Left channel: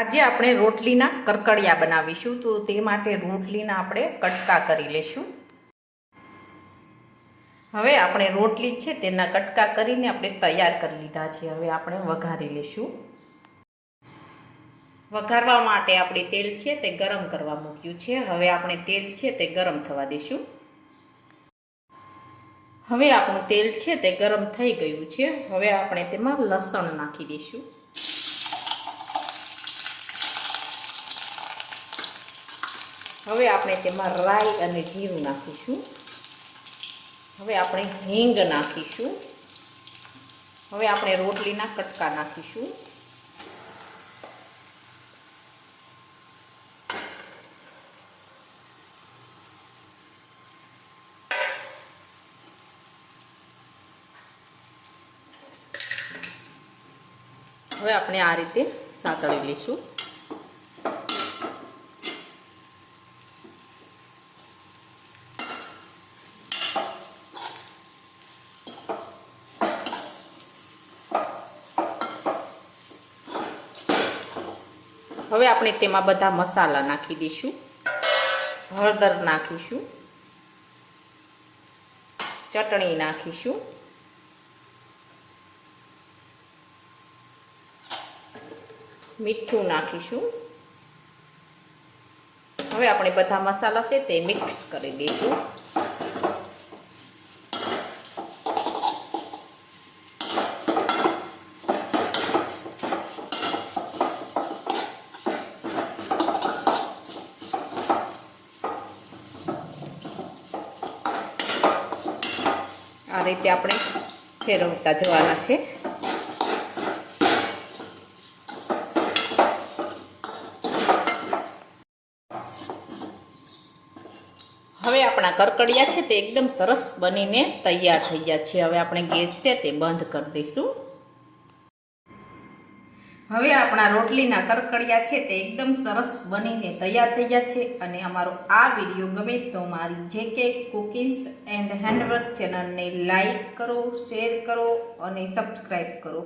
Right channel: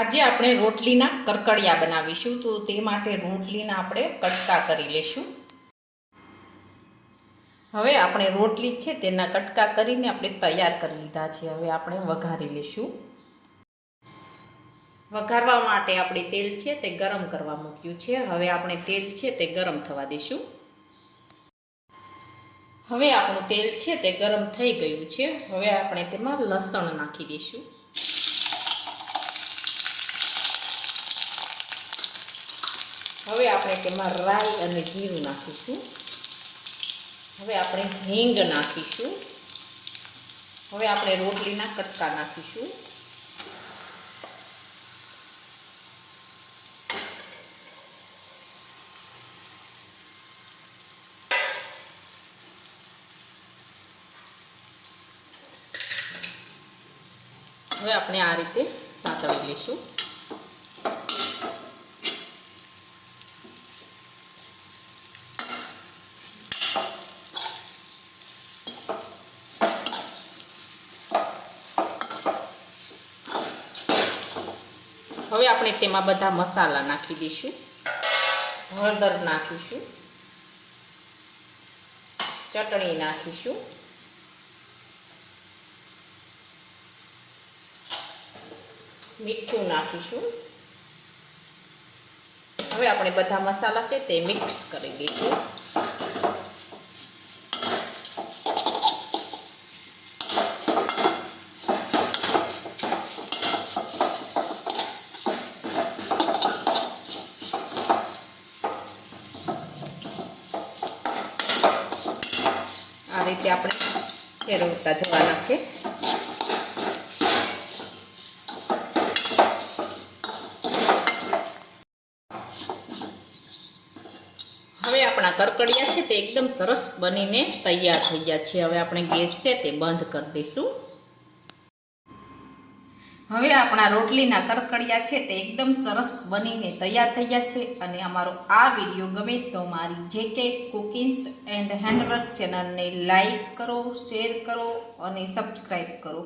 આજે આપણે રોટલીના કરકડિયા બનાવીશું, તો તે માટે રોટલીના આપણે કટકા કરી લઈશું. હવે આપણે રોટલી છે તેના કટકા કરીને આપણે તૈયાર કરી લીધા છે. હવે આપણે વઘારી લઈશું. વઘારવા માટે આપણે તેલ છે તે ગરમ કરવા મૂક્યું છે. હવે આપણે તેલ છે તે ગરમ થવા દઈશું. હવે આપણું તેલ છે તે ગરમ થઈ ગયું છે. હવે આપણે તેમાં લસણ નાખી દઈશું. હવે આપણે તેમાં રાઈ અને જીરું નાખીશું. હવે આપણે હિંગ નાખીશું. હવે આપણે રોટલીના કટકા નાખીશું. હવે આપણે આ રીતે સાતળી લઈશું. હવે આપણે તેમાં બધા મસાલા નાખી દઈશું. હળદર નાખીશું, ચટણી નાખીશું, મીઠું નાખીશું. હવે આપણે બધા મસાલા છે તે મિક્સ કરી દઈશું. આ રીતે આપણે ફેરવતા જવાના છે. હવે આપણા કરકડિયા છે તે એકદમ સરસ બનીને તૈયાર થઈ ગયા છે. હવે આપણે ગેસ છે તે બંધ કરી દઈશું. હવે આપણા રોટલીના કરકડિયા છે તે એકદમ સરસ બનીને તૈયાર થઈ ગયા છે. અને અમારો આ વિડીયો ગમે તો મારી JK કુકિંગ્સ એન્ડ હેન્ડવર્ક ચેનલને લાઈક કરો, શેર કરો અને સબસ્ક્રાઈબ કરો.